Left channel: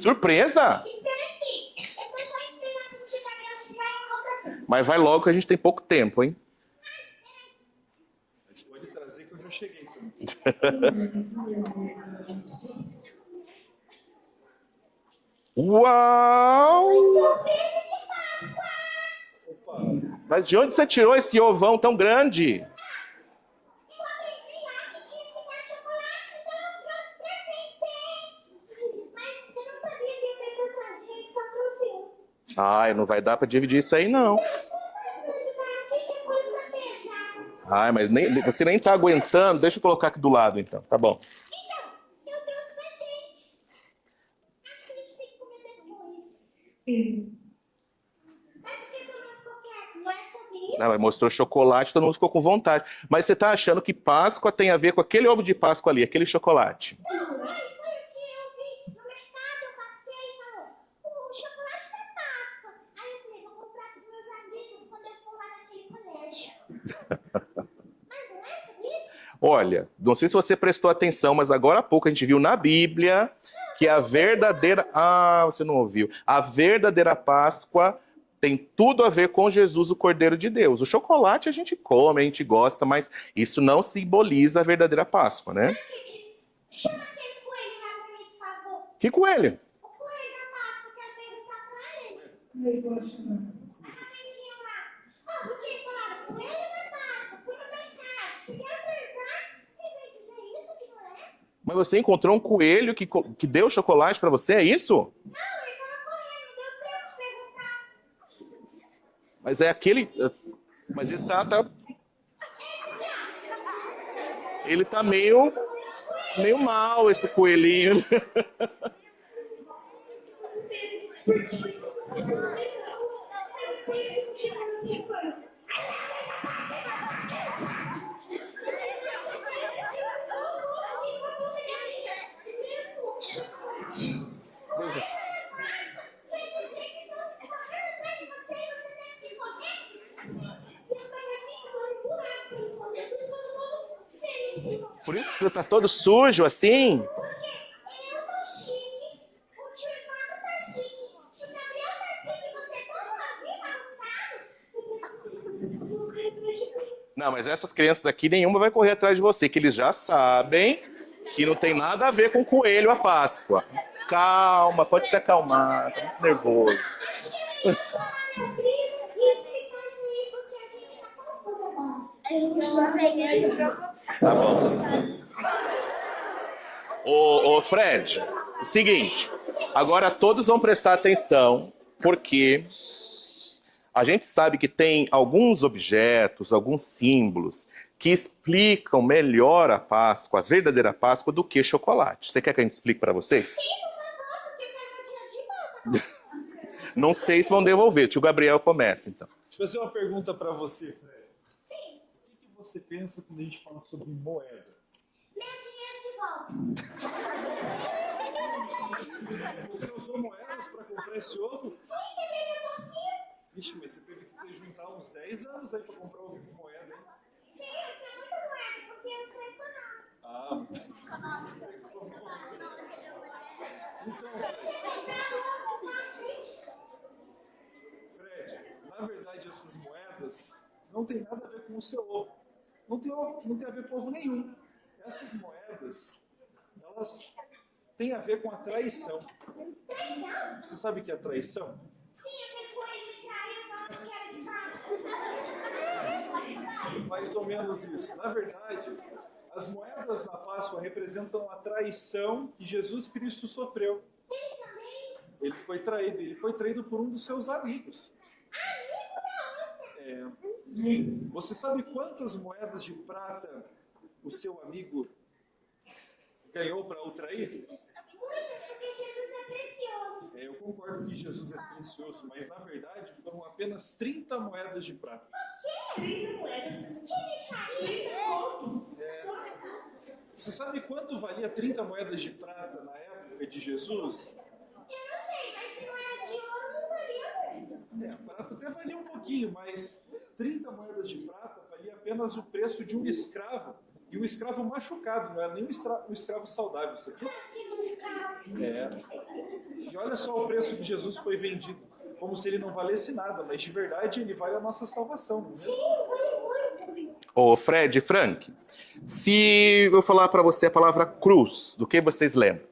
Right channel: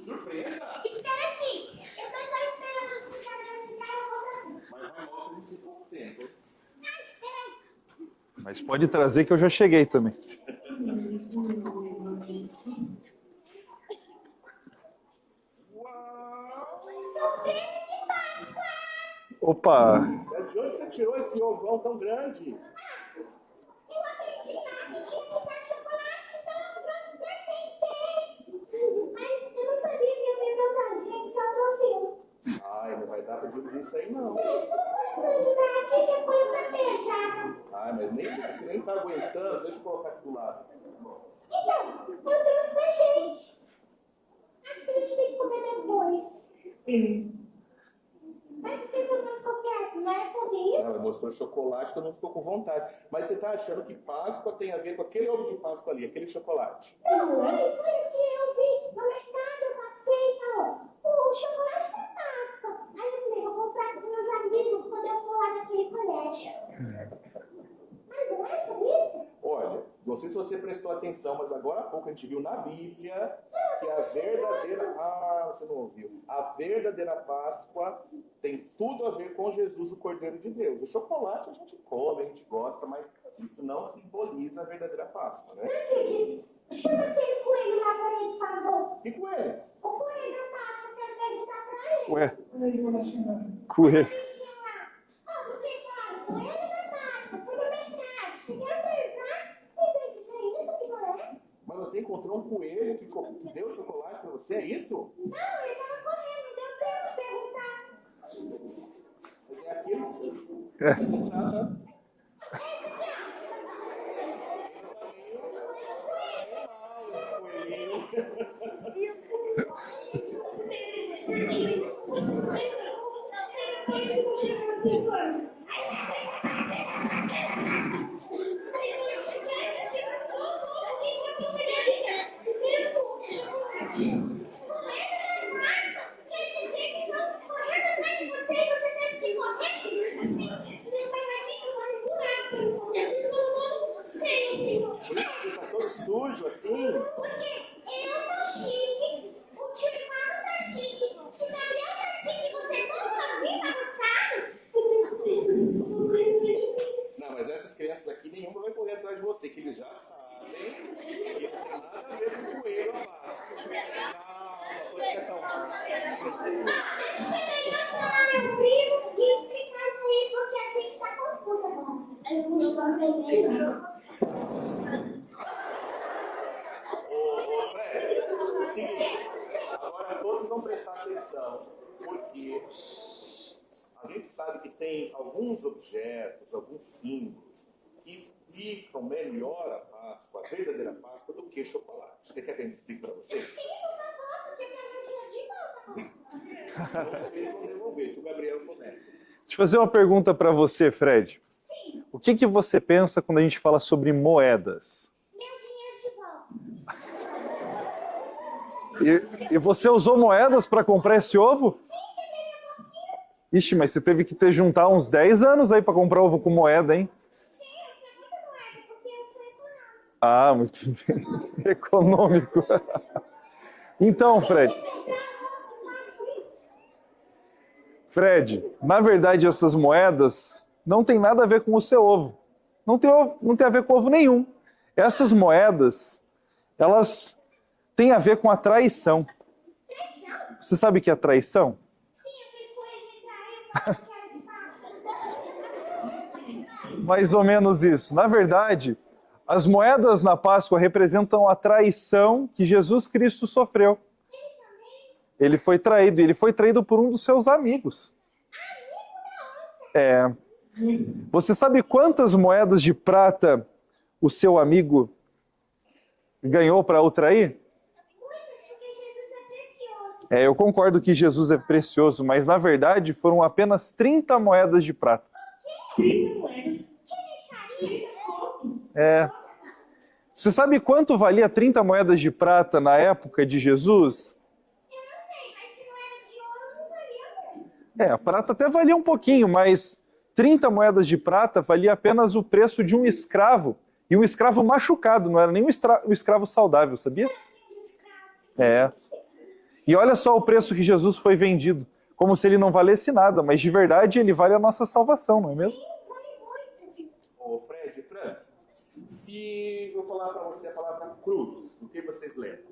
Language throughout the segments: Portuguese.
Surpresa? Espera aqui. Eu tô só esperando o tio Gabriel chegar e eu vou pra frente. Mas vai logo que a gente tem pouco tempo, hein? Mas pode trazer que eu já cheguei também. Uau! Surpresa de Páscoa! Opa! Mas de onde você tirou esse ovão tão grande? Eu aprendi lá que tinha que dar chocolate, então eu trouxe pra gente. Mas eu não sabia que ia ter tanta gente, só trouxe um. Ai, não vai dar pra dividir isso aí, não. Não dá, porque a coisa tá pesada. Ai, mas você nem tá aguentando. Deixa eu colocar aqui do lado, então. Tá bom. Então, eu trouxe pra gente. Acho que a gente tem que comer depois. Mas por que eu não ficou quieto? Não é sobre isso? Não, mas mostrou chocolate, todo mundo ficou com vontade. Mas você tá achando que Páscoa tem a ver com aquele ovo de Páscoa ali, aquele chocolate? Não, foi o que eu vi no mercado, eu passei e falou, o chocolate da Páscoa. Aí eu falei, vou comprar pros meus amigos quando eu for lá naquele colégio. Mas não é sobre isso? Olha, não sei se você prestou atenção, mas agora há pouco a gente viu na Bíblia que a verdadeira... Ah, você não ouviu. A verdadeira Páscoa tem tudo a ver com Jesus, o Cordeiro de Deus. O chocolate a gente come, a gente gosta, mas isso não simboliza a verdadeira Páscoa, né? Acredito. Chama aquele coelho lá pra mim, por favor. Que coelho? O coelho da Páscoa, quero perguntar pra ele. Ué, coelho. Tinha lá. Ah, porque falaram, coelho da Páscoa, fui no mercado, cheguei a pensar, e veio dizer isso que não é. Mas você encontrou um coelho que deu chocolate pra você, é isso? Não, ele tava correndo, deu tempo de perguntar. Mas é aquele... Mas ele tá... Ele tá meio mal, esse coelhinho. Por isso você tá todo sujo assim? Eu tô chique, o tio Ivano tá chique, o tio Gabriel tá chique, você todo vazio, bagunçado. Não, mas essas crianças aqui, nenhuma vai correr atrás de você, que eles já sabem que não tem nada a ver com coelho a Páscoa. Calma, pode se acalmar, tá muito nervoso. Eu chamar meu primo e explicar isso aí, porque a gente tá confusa, mano. A gente não aprendeu. Tá bom. Ô Fred, o seguinte, agora todos vão prestar atenção, porque a gente sabe que tem alguns objetos, alguns símbolos que explicam melhor a Páscoa, a verdadeira Páscoa, do que chocolate. Você quer que a gente explique para vocês? Sim, por favor, porque eu quero meu dinheiro de volta. Não sei se vão devolver. Tio Gabriel começa, então. Deixa eu fazer uma pergunta para você, Fred. Sim, O que você pensa quando a gente fala sobre moedas? meu dinheiro de volta. E você usou moedas para comprar esse ovo? Sim, quebrei um pouquinho. Ixi, mas você teve que ter juntar uns 10 anos aí para comprar ovo com moeda, hein? Sim, eu tinha muita moeda, porque eu sou econômica. Ah, muito bem. Econômico. Então, Fred, na verdade essas moedas não tem nada a ver com o seu ovo. Não tem a ver com ovo nenhum. Essas moedas, elas têm a ver com a traição. Traição? Você sabe o que é traição? Sim, aquele coelho me traiu, falou que era de Páscoa. Mais ou menos isso. Na verdade, as moedas na Páscoa representam a traição que Jesus Cristo sofreu. Ele também? Ele foi traído, e ele foi traído por um dos seus amigos. Amigo da onça. Você sabe quantas moedas de prata o seu amigo ganhou para o trair? Muitas, porque Jesus é precioso. Eu concordo que Jesus é precioso, mas na verdade foram apenas 30 moedas de prata. 30 moedas? Que deixaria? Você sabe quanto valia 30 moedas de prata na época de Jesus? Eu não sei, mas se não era de ouro, não valia muito. A prata até valia um pouquinho, mas 30 moedas de prata valia apenas o preço de um escravo. E um escravo machucado, não era nem um escravo saudável, sabia? Tipo um escravo. E olha só o preço que Jesus foi vendido, como se ele não valesse nada, mas de verdade ele vale a nossa salvação, não é mesmo? Ô, Fred e Frank, se eu falar para você a palavra cruz, do que vocês lembram?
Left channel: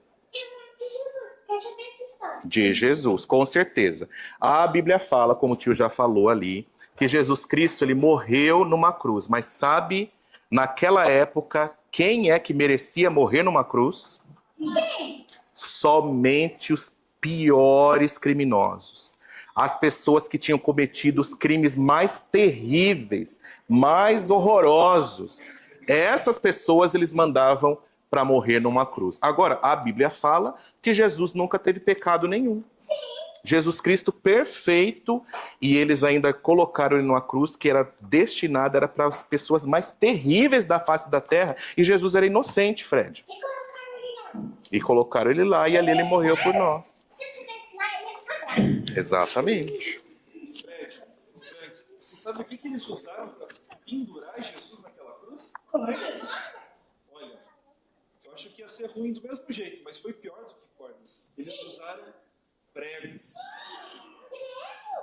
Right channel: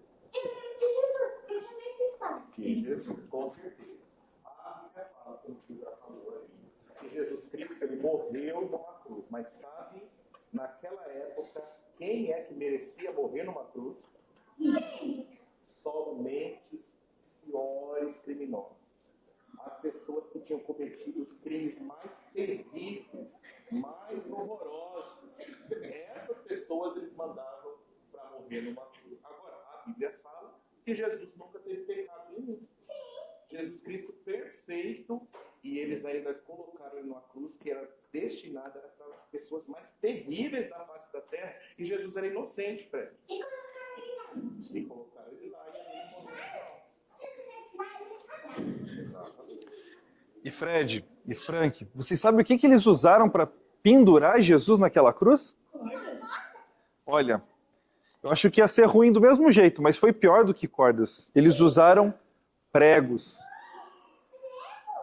Eu já tenho essa história. De Jesus, com certeza. A Bíblia fala, como o tio já falou ali, que Jesus Cristo ele morreu numa cruz. Mas sabe, naquela época, quem é que merecia morrer numa cruz? Somente os piores criminosos. As pessoas que tinham cometido os crimes mais terríveis, mais horrorosos. Essas pessoas eles mandavam para morrer numa cruz. Agora, a Bíblia fala que Jesus nunca teve pecado nenhum. Jesus Cristo perfeito, e eles ainda colocaram ele numa cruz que era destinada para as pessoas mais terríveis da face da terra, e Jesus era inocente, Fred. E colocaram ele lá. E colocaram ele lá, e ali ele morreu por nós. Se eu tivesse lá, ele ia ficar bravo. Exatamente. E Fred e Frank, vocês sabem o que eles usaram para pendurar Jesus naquela cruz? Olha, eu acho que ia ser ruim do mesmo jeito, mas foi pior do que cordas. Eles usaram pregos.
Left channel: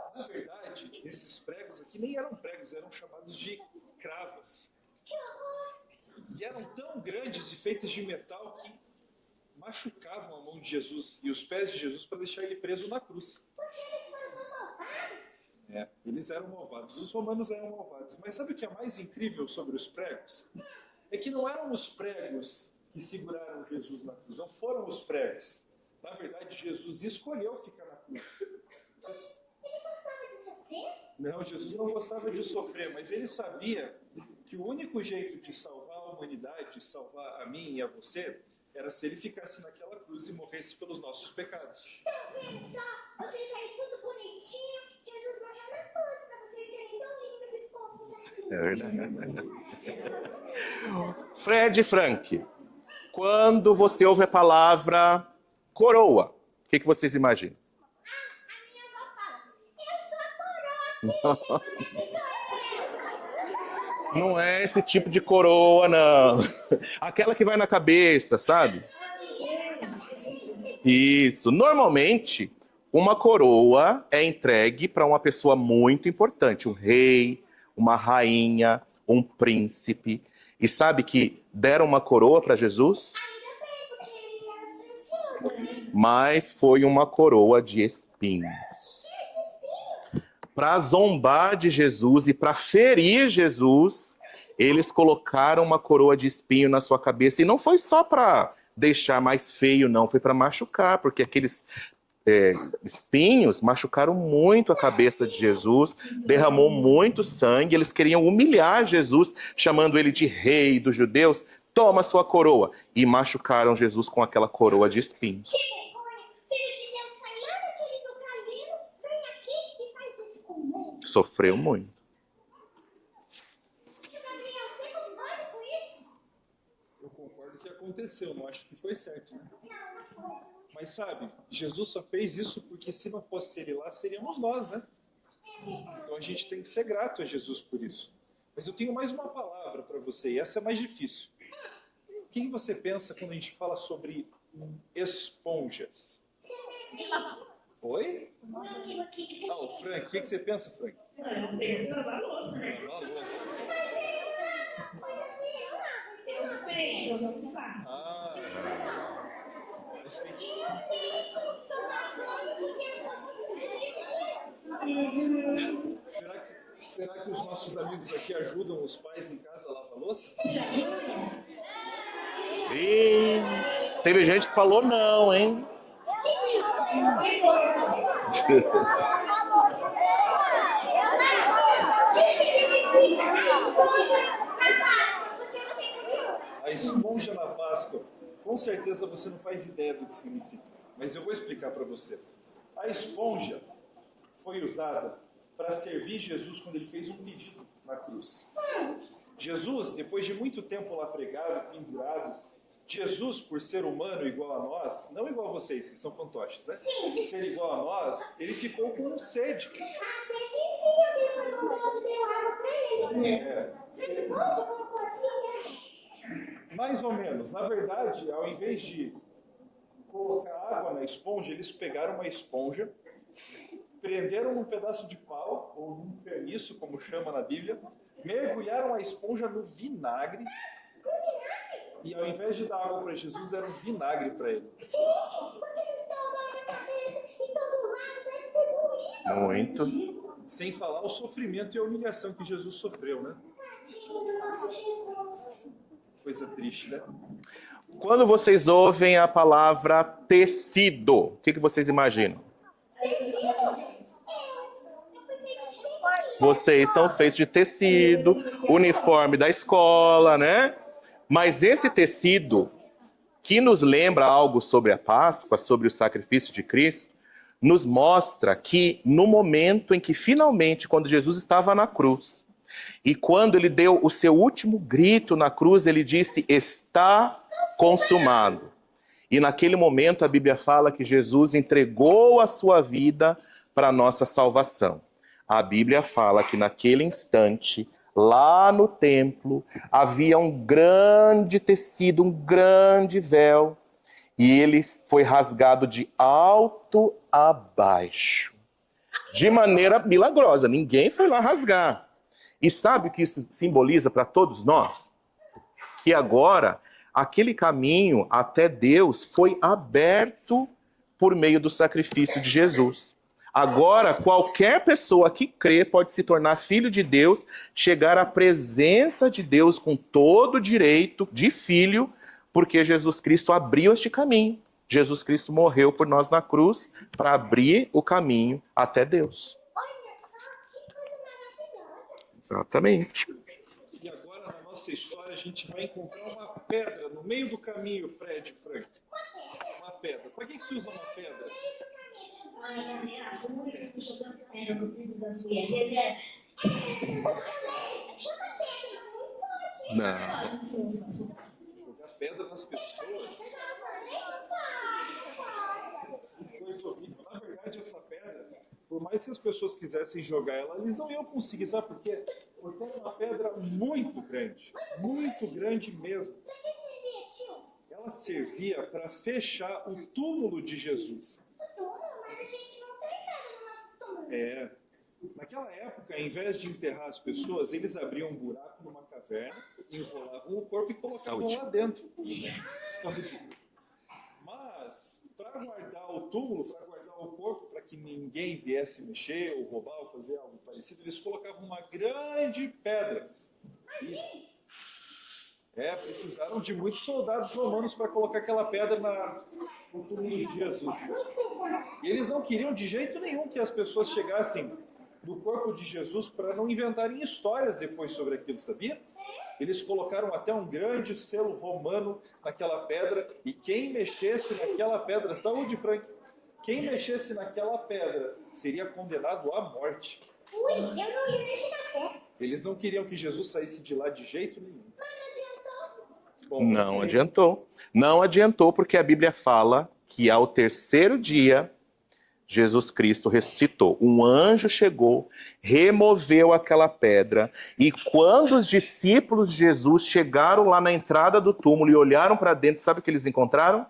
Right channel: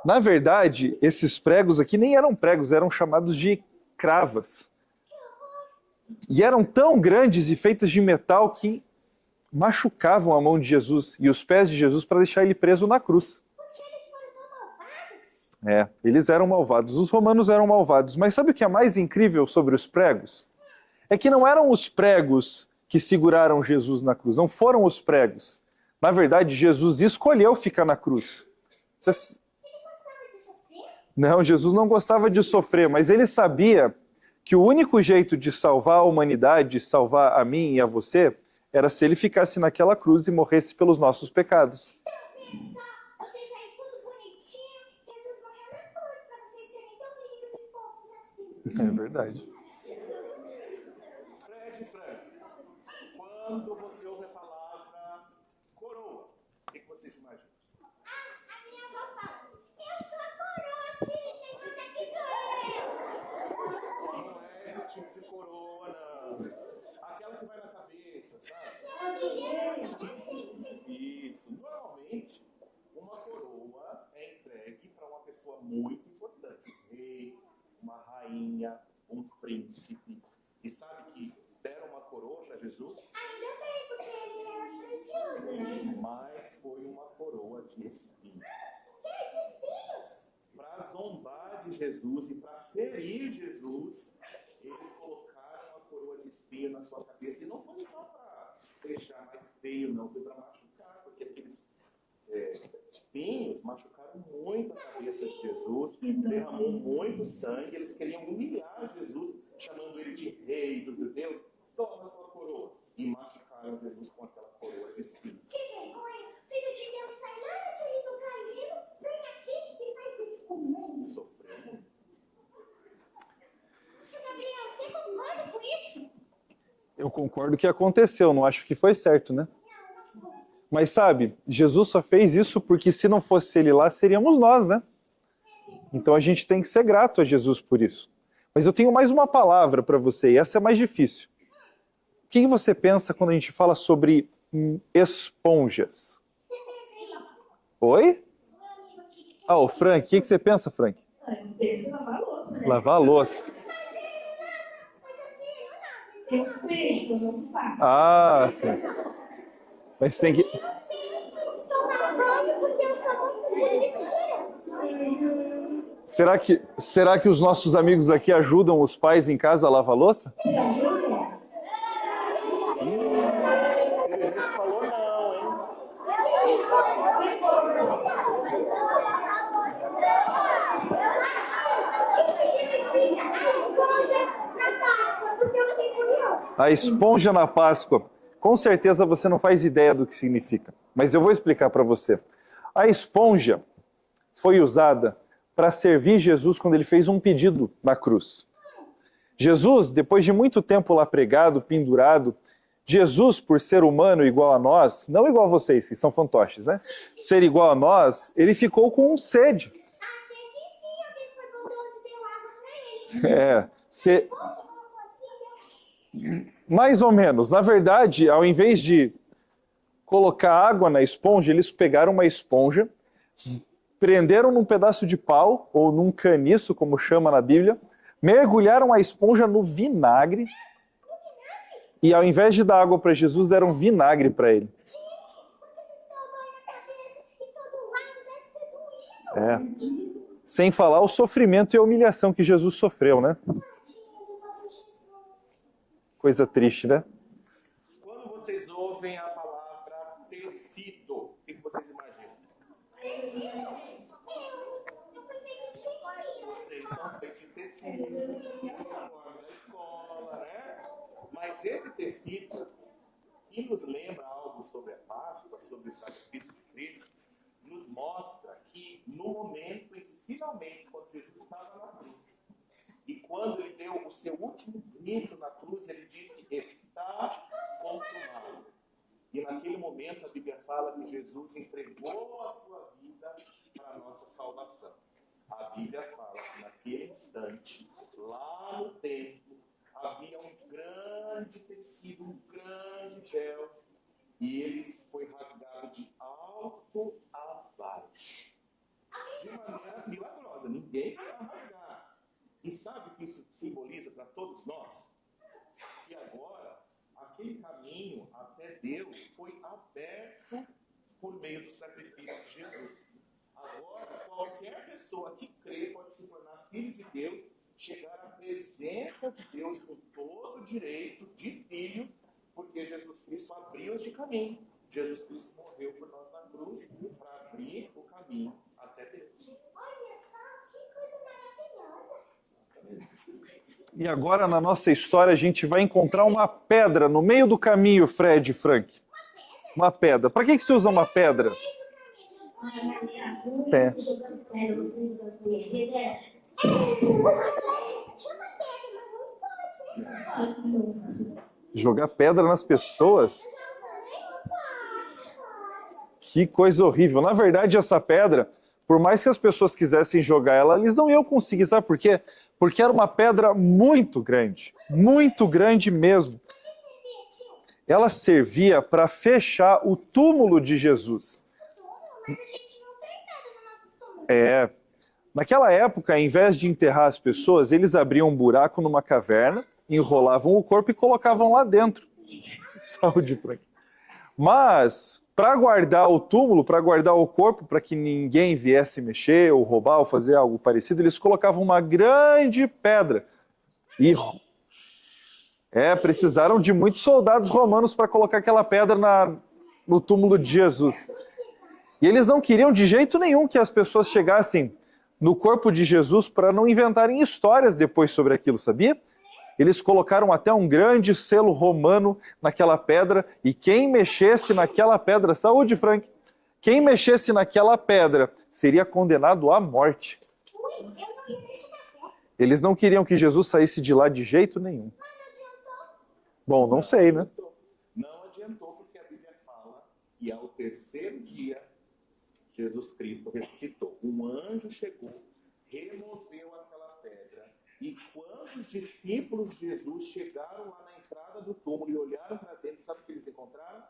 Na verdade, esses pregos aqui nem eram pregos, eram chamados de cravas. E eram tão grandes e feitas de metal que machucavam a mão de Jesus e os pés de Jesus para deixar ele preso na cruz. Eles eram malvados. Os romanos eram malvados. Mas sabe o que é mais incrível sobre os pregos? É que não eram os pregos que seguraram Jesus na cruz. Não foram os pregos. Na verdade, Jesus escolheu ficar na cruz. Não, Jesus não gostava de sofrer, mas ele sabia que o único jeito de salvar a humanidade, salvar a mim e a você, era se ele ficasse naquela cruz e morresse pelos nossos pecados. Vocês aí tudo bonitinho, Jesus morreu na cruz para vocês serem tão lindos e fofos assim. É verdade. Fred e Frank, quando você ouve a palavra coroa, o que vocês imaginam? A minha avó fala, eu sou a coroa aqui, isso é. Não é esse tipo de coroa, não. Aquela que vai na cabeça, sabe? Isso. Normalmente, uma coroa é entregue para uma pessoa muito importante, um rei, uma rainha, um príncipe. E sabe que deram uma coroa para Jesus? Ainda bem, porque ele era precioso, né? Mas foi uma coroa de espinhos. Para zombar de Jesus e para ferir Jesus, eles colocaram uma coroa de espinho na sua cabeça. E não foi só para deixar mais feio, não. Foi para machucar, porque aqueles espinhos machucaram muito a cabeça de Jesus, derramou muito sangue. Eles queriam humilhar Jesus, chamando ele de rei dos judeus. Toma sua coroa. E machucaram Jesus com aquela coroa de espinhos. Que vergonha! Filho de Deus, sai lá daquele lugar lindo, vem aqui e faz isso comigo. Sofreu muito. Tio Gabriel, você concorda com isso? Eu concordo que aconteceu, não acho que foi certo, né? Não, não foi. Mas sabe, Jesus só fez isso porque se não fosse ele lá, seríamos nós, né? Então a gente tem que ser grato a Jesus por isso. Mas eu tenho mais uma palavra para você, e essa é mais difícil. O que você pensa quando a gente fala sobre esponjas? Você pensa aí? Oi? O meu amigo aqui que Ah, o Frank, o que você pensa, Frank? Eu penso em lavar louça, né? Lavar a louça. Eu penso, eu não faço. Ah, Frank. Mas tem que... isso, tô lavando porque eu sou muito bonito e cheiroso. Será que os nossos amigos aqui ajudam os pais em casa a lavar a louça? E teve gente que falou não, hein? A esponja na Páscoa. Com certeza você não faz ideia do que significa, mas eu vou explicar para você. A esponja foi usada para servir Jesus quando ele fez um pedido na cruz. Jesus, depois de muito tempo lá pregado, pendurado, Jesus, por ser humano igual a nós, não igual a vocês, que são fantoches, né? Ser igual a nós, ele ficou com sede. Mais ou menos. Na verdade, ao invés de colocar água na esponja, eles pegaram uma esponja, prenderam num pedaço de pau, ou num caniço, como chama na Bíblia, mergulharam a esponja no vinagre, e ao invés de dar água para Jesus, deram vinagre para ele. Gente, porque eles estão agora na cabeça e todo lado deve ter doído. Muito. Sem falar o sofrimento e a humilhação que Jesus sofreu, né? Tadinho do nosso Jesus. Coisa triste, né? Quando vocês ouvem a palavra tecido, o que vocês imaginam? Tecido? Eu fui feita de tecido. Vocês são feitos de tecido, uniforme da escola, né? Mas esse tecido, que nos lembra algo sobre a Páscoa, sobre o sacrifício de Cristo, nos mostra que no momento em que finalmente, quando Jesus estava na cruz, e quando ele deu o seu último grito na cruz, ele disse, está consumado. E naquele momento a Bíblia fala que Jesus entregou a sua vida para a nossa salvação. A Bíblia fala que naquele instante, lá no templo, havia um grande tecido, um grande véu, e ele foi rasgado de alto a baixo, de maneira milagrosa. Ninguém foi lá rasgar. E sabe o que isso simboliza para todos nós? Que agora, aquele caminho até Deus foi aberto por meio do sacrifício de Jesus. Agora, qualquer pessoa que crê pode se tornar filho de Deus, chegar à presença de Deus com todo o direito de filho, porque Jesus Cristo abriu este caminho. Jesus Cristo morreu por nós na cruz para abrir o caminho até Deus. Olha só que coisa maravilhosa. Exatamente. E agora, na nossa história, a gente vai encontrar uma pedra no meio do caminho, Fred e Frank. Uma pedra. Para que se usa uma pedra? É. Chuta pedra, mas não pode. Não. Jogar pedra nas pessoas? Que coisa horrível. Na verdade, essa pedra, por mais que as pessoas quisessem jogar ela, eles não iam conseguir. Sabe por quê? Porque era uma pedra muito grande mesmo. Ela servia para fechar o túmulo de Jesus. Mas a gente não tem nada no nosso túmulo. É. Naquela época, ao invés de enterrar as pessoas, eles abriam um buraco numa caverna, enrolavam o corpo e colocavam lá dentro. Saúde, Frank. Mas, para guardar o túmulo, para guardar o corpo, para que ninguém viesse mexer ou roubar ou fazer algo parecido, eles colocavam uma grande pedra. E precisaram de muitos soldados romanos para colocar aquela pedra no túmulo de Jesus. E eles não queriam de jeito nenhum que as pessoas chegassem no corpo de Jesus para não inventarem histórias depois sobre aquilo, sabia? Eles colocaram até um grande selo romano naquela pedra, e quem mexesse naquela pedra, saúde, Frank, quem mexesse naquela pedra seria condenado à morte. Ui, eu não ia mexer na pedra. Eles não queriam que Jesus saísse de lá de jeito nenhum. Bom, não sei, né? adiantou. Não adiantou, porque a Bíblia fala que ao terceiro dia, Jesus Cristo ressuscitou. Um anjo chegou, removeu aquela pedra, e quando os discípulos de Jesus chegaram lá na entrada do túmulo e olharam para dentro, sabe o que eles encontraram?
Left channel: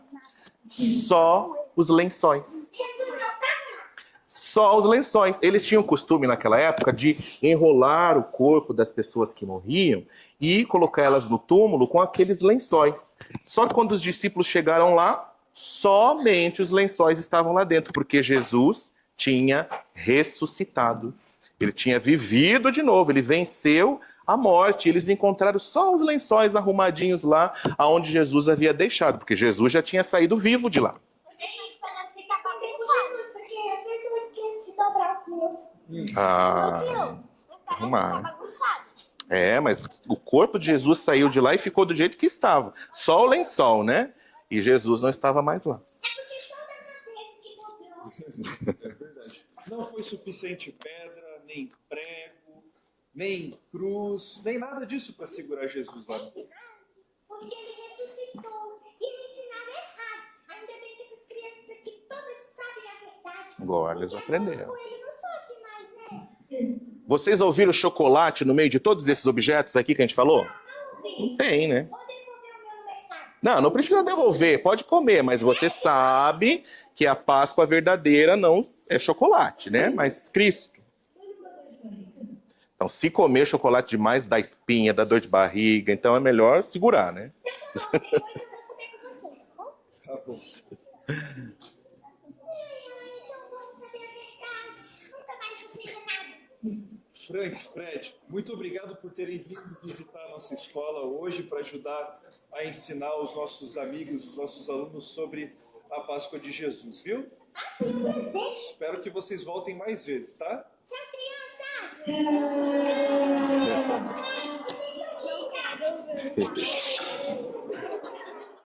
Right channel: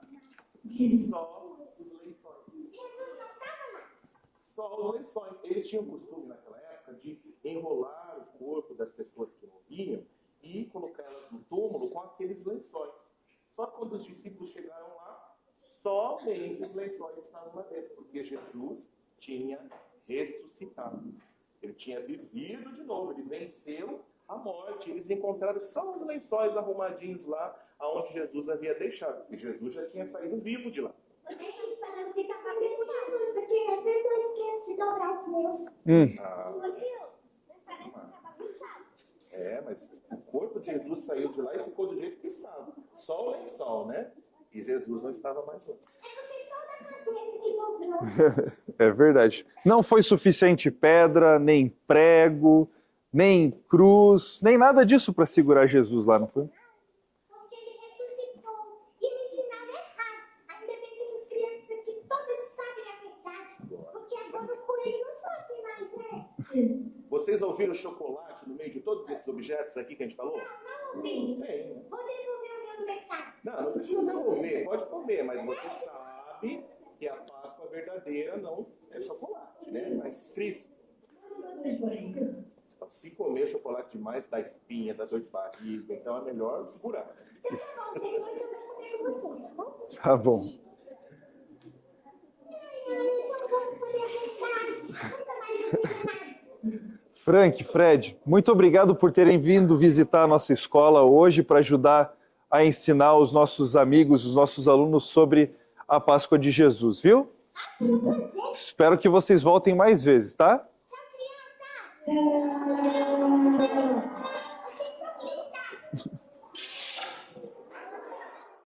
Só os lençóis. Jesus não tá, Só os lençóis. Eles tinham o costume naquela época de enrolar o corpo das pessoas que morriam e colocar elas no túmulo com aqueles lençóis. Só que quando os discípulos chegaram lá, somente os lençóis estavam lá dentro, porque Jesus tinha ressuscitado. Ele tinha vivido de novo, ele venceu a morte. Eles encontraram só os lençóis arrumadinhos lá, aonde Jesus havia deixado, porque Jesus já tinha saído vivo de lá. para não ficar com aquele lado, porque às vezes eu esqueço de dobrar os meus. Ah, arrumar. Tava bagunçado. Mas o corpo de Jesus saiu de lá e ficou do jeito que estava. Só o lençol, né? E Jesus não estava mais lá. É verdade. Não foi suficiente pedra, nem prego, nem cruz, nem nada disso para segurar Jesus lá, não foi? Porque ele ressuscitou e me ensinaram errado. Ainda bem que essas crianças aqui todas sabem a verdade. Agora eles aprenderam. Com ele não sofre mais, né? Vocês ouviram chocolate no meio de todos esses objetos aqui que a gente falou? Não, filho. Tem, né? Vou devolver o meu no mercado. Não precisa devolver, pode comer, mas você sabe que a Páscoa verdadeira não é chocolate, né? Mas Cristo. Então, se comer chocolate demais, dá espinha, dá dor de barriga, então é melhor segurar, né? Tá bom. Frank, Fred, muito obrigado por terem vindo visitar a nossa escola hoje para ajudar a ensinar os nossos amigos, os nossos alunos sobre a Páscoa de Jesus, viu? Espero que vocês voltem mais vezes, tá? Tchau, criança! Tchau.